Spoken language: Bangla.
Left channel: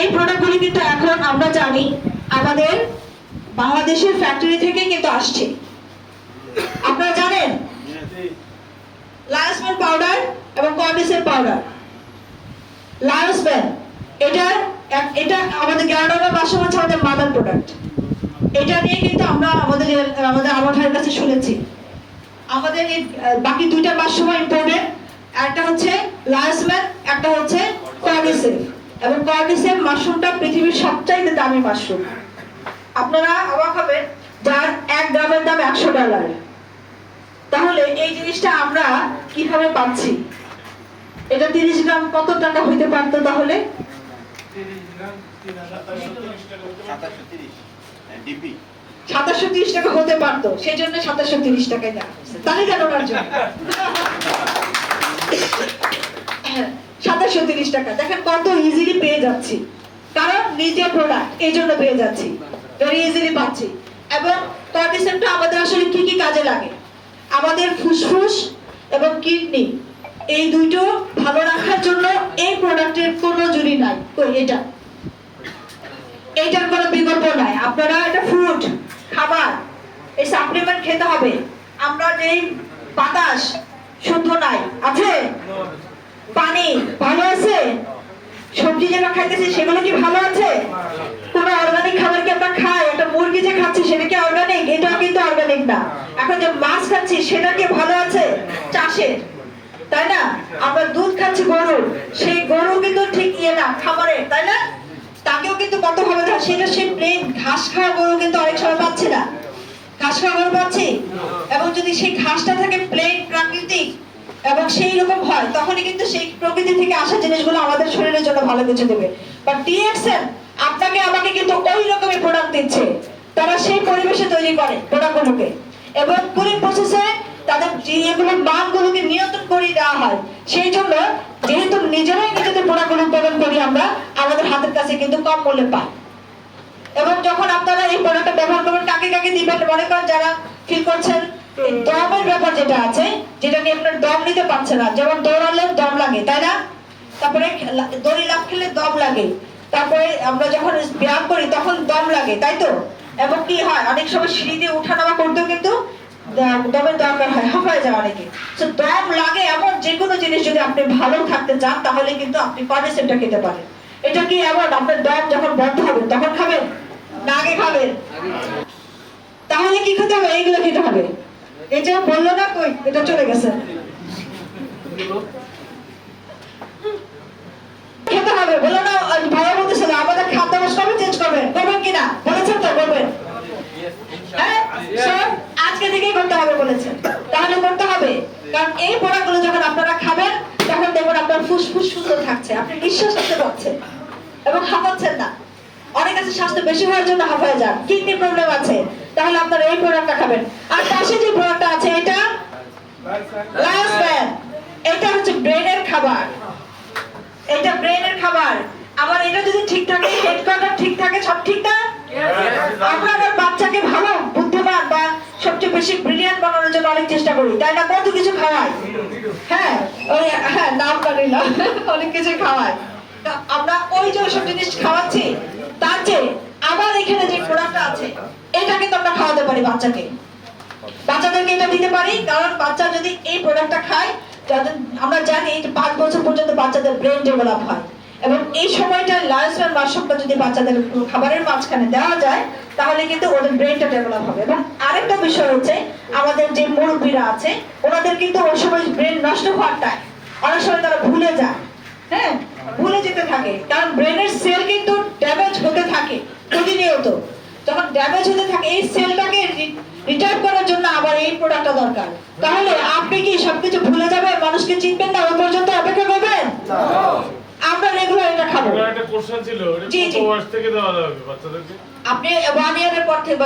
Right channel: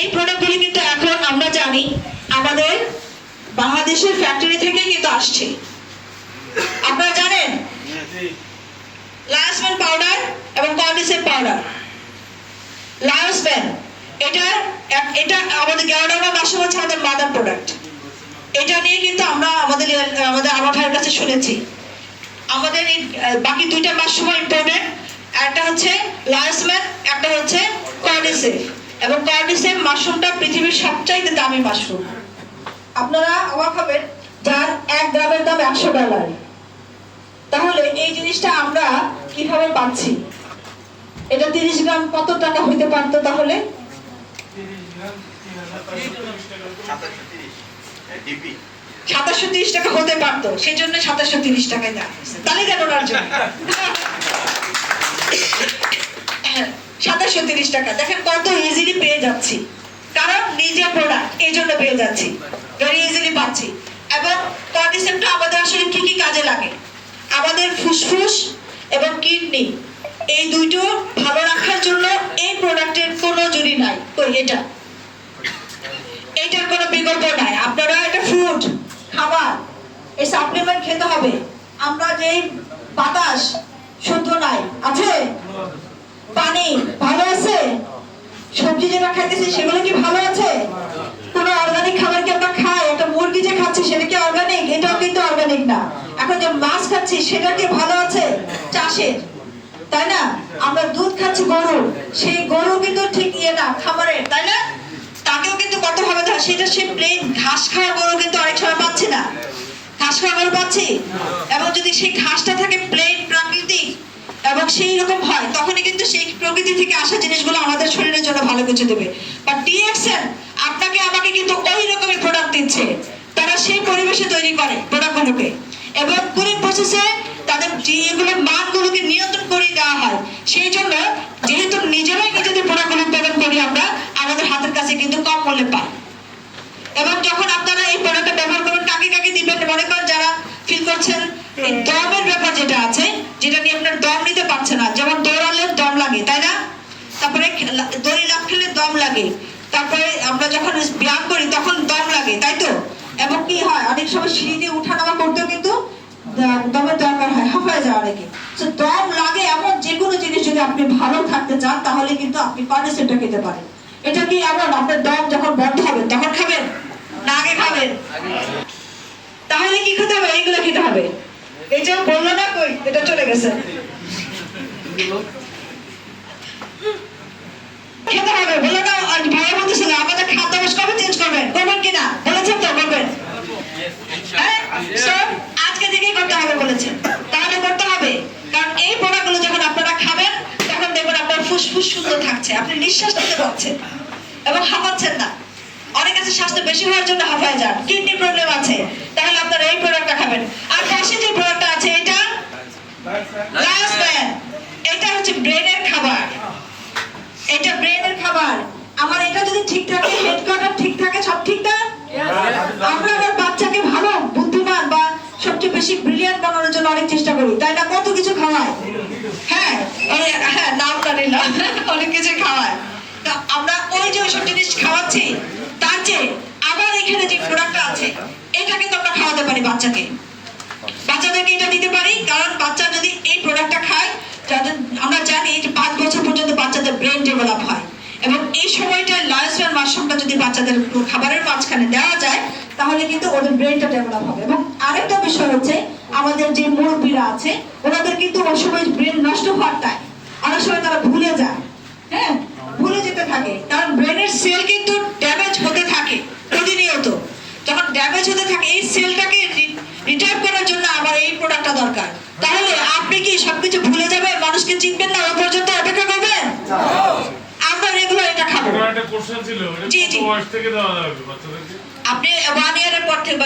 এই প্রোডাক্টগুলি কিন্তু এখন আমরা জানি আমাদের বাংলাদেশের ফ্যাক্টরি থেকে কিন্তু আসছে। আপনারা জানেন লায়োসম্যান পাউডার এবং কর্ডিসেপ পাউডার। লায়োসম্যান এটা আমাদের 11 নম্বর মাশরুম হচ্ছে আমাদের মাদার প্রোডাক্ট। এটা নিয়ে কিন্তু আমরা আমাদের আমার ভাইয়ের কাছে শুনেছি। আমাদের এই বাকি দুইটা মাশরুম ইম্পোর্টেড, একটা হচ্ছে লায়োসম্যান, একটা হচ্ছে কর্ডিসেপ। এবং কর্ডিসেপ মাশরুমটা পৃথিবীর সবচাইতে দামি মাশরুম। আপনারা অবাক হবেন, যার 1 গ্রামের দাম $100। তাহলে এই জিনিসটা আমরা কিভাবে পাচ্ছি? এটা 30 গ্রাম কত টাকা হইতে পারতো? তাহলে 2730 টাকা হতে পারতো, সেই জন্য 2730 টাকায় দেওয়া হয়েছে। তাহলে কেন ওনার জন্য 2730 টাকা দেখেন কত ইজিলি পেয়ে যাচ্ছি, কারণ নিজে প্রোডাক্ট, এই জন্য পেয়ে যাচ্ছি, ভেরি ইজিলি পাচ্ছি। এবং কর্ডিসেপটা আমাদের আসলে কি কি কাজে লাগে? আমাদের ফুসফুস এবং কিডনি এই দুটো ভালো রাখার জন্য এই প্রোডাক্টের কোনো জুড়ি নাই। তো এটার কোনো বিকল্প নাই। আপনারা এটা ফুড, খাবার, এই সাপ্লিমেন্ট খেতে হবে। আমরা যে বাতাস শুদ্ধ নাই, আছে? পানি ভালো আছে? সবজি যেটা খাইতেছি সেগুলো কি ভালো আছে? কোন অর্গানিক খাবার কি আমরা খাই? একটা মুরগি যে খাচ্ছি সেটা কি অর্গানিক? এটাও কিন্তু অর্গানিক না। এখন যে মাছ খাচ্ছি সেটা কি ভালো আছে? চাষের, তাই না? আমরা দুধ খাচ্ছি গরুর, সেই গরু কিন্তু ঠিক না খাবারের, তাই না? তাকেও কিন্তু কত ভাবে সেটা সে প্লেন ঘাস খাওয়া গরু কিন্তু অনেক সময় পাচ্ছি না। ঘাস খাওয়া গরু পাচ্ছি, এবং যদি সেই ঘাসটা থাকে প্লেন প্রাকৃতিক এবং সেই রকম হয়, তখনই কিন্তু সেই প্রকৃতি থেকে আসা জিনিসগুলো আমাদের শরীরের জন্য ভালো কিছু দেবে। বাট টিএক্সএন আপনাকে আমাকে কিন্তু ওই রকমের প্রোডাক্ট দিচ্ছে। তারা সেই পরিবেশে তৈরি করে প্রোডাক্টগুলোকে, এবং কুলিং প্রসেসে তাদের এগুলোর মানগুলোকে নিয়ন্ত্রণ করে দেওয়া হয়। সেই জন্য যেহেতু নিজেরাই নিজেদের প্রোডাক্টগুলো উৎপাদন করি আমরা, আমাদের হাতের কাছে কিন্তু কম মূল্যে পাই। এবং যখন আপনারা এই প্রোডাক্টটা ব্যবহার করবেন, কাকে কাকে দিবেন? মনে করেন যারা ফিল করছেন এই দমের ব্যাপার যেটা আছে, যেটা নিয়ে আপনার দম নিতে পারছে না, যেমন দৌড়ালে দম লাগে, তাই না? তারপরে দড়ি লাফ খেলে দম লাগে, তারপরে আমরা যখন ব্যায়াম করি তখন দম লাগে, তাই তো? এবং কি হয়, অনেক সময় সিঁড়ি দিয়ে উঠা নামা করতেও কিন্তু দমের দরকার হয়, হাঁপায় যায় অনেকে। তো দম লাগে এমন যে কোনো জিনিস যদি আপনি ভালো থাকতে চান, তাহলে কিন্তু আপনি কর্ডিসেপটা খেতে পারেন। এটা কি এমন আপনার দম যখন বন্ধ হবে তখন খাবেন না আগে খাবেন? তাহলে কি খেতে হবে? এইগুলো খেতে হবে। এই যে বললো না, কই এটা চলে গেছে, খেতে হবে। বললো না, ভাইয়া বলতেছিল আমাদের খাদ্যাভ্যাস কবে চেঞ্জ করবেন, করবেন কিনা বলেছেন তো? করবেন, হ্যাঁ? আজকে থেকেই করতে হবে বলেছেন। তাহলে করতে হবে, কারণ এই প্রোডাক্টগুলো যখন আপনারা খাবেন তখন দেখবেন আপনার ফুসফুস সুন্দর থাকছে, আপনি নিঃশ্বাস নিতে পারছেন এবং হাঁপাচ্ছেন না। অনেক আছে স্বাস্থ্য বেশি হওয়ার জন্য হাঁপায় যান, কিডনি প্রবলেম আছে, তাহলে আপনারা এই প্রোডাক্টটা খাবেন। আর পাশে যে প্রোডাক্টটা আছে এটা লায়োসম্যান, এটা হচ্ছে ব্রেনের খাবার। এটা ব্রেনের খাবার। আমার এটা যদি ঠিক থাকে, হেডকোয়ার্টার ঠিক থাকে, সব ঠিক না? আমরা আমার বাচ্চাকে ভালো বুদ্ধিমান বা সবচেয়ে বেশি ব্রিলিয়ান্ট বানানোর জন্য অনেক চেষ্টা করি, তাই না? কত কিছু খাওয়াই, হ্যাঁ, ওই হ্যাঁ নামটা নিলাম, অনেক কিছু খাওয়াই। আমরা ওই যে ওইসব জিনিস খাওয়াচ্ছি, তার চেয়ে আবার এখানে যে প্রোডাক্টটা আছে এটা কিন্তু আমরা খাওয়াতে পারি বাচ্চাকে, বাচ্চাদেরকে এটা দিতে পারি। কারণ বাচ্চা যদি এই প্রোডাক্টটা খায়, যাদের আমরা জানি যে 5 বছর পর্যন্ত বাচ্চাদের ব্রেন ডেভেলপ হয়, এবং এই সময়টায় লায়োসম্যান মাশরুমটা যদি বাচ্চাদের খাবারের মাঝখানে দেওয়া যায়, তাহলে কিন্তু ওদের ব্রেনটা ডেভেলপ হবে। এবং আরেকটা বিষয় হচ্ছে, আমাদের যে মুরব্বীরা আছে ওনাদের কিন্তু ওই সময় ব্রেন নষ্ট হওয়ার টাইম, অনেক সময় তারা ভুলে যায়, হ্যাঁ, ভুলে যেতে থাকে, কারণ ব্রেনের সেল কিন্তু ড্যামেজ হতে থাকে প্রতিনিয়ত। যখন ড্যামেজ হতে থাকে, এই সেলটাকে রিটায়ার করার জন্য আবার এই প্রোডাক্টটা দরকার। তাহলে আপনি কি সবকিছু ভুলে যাবেন, মানুষকে চিনবেন না, ওই পর্যন্ত অপেক্ষা করবেন? আমরা রেগুলার এটা খাবো। জি জি, আপনি 1 ইয়ারের পর থেকে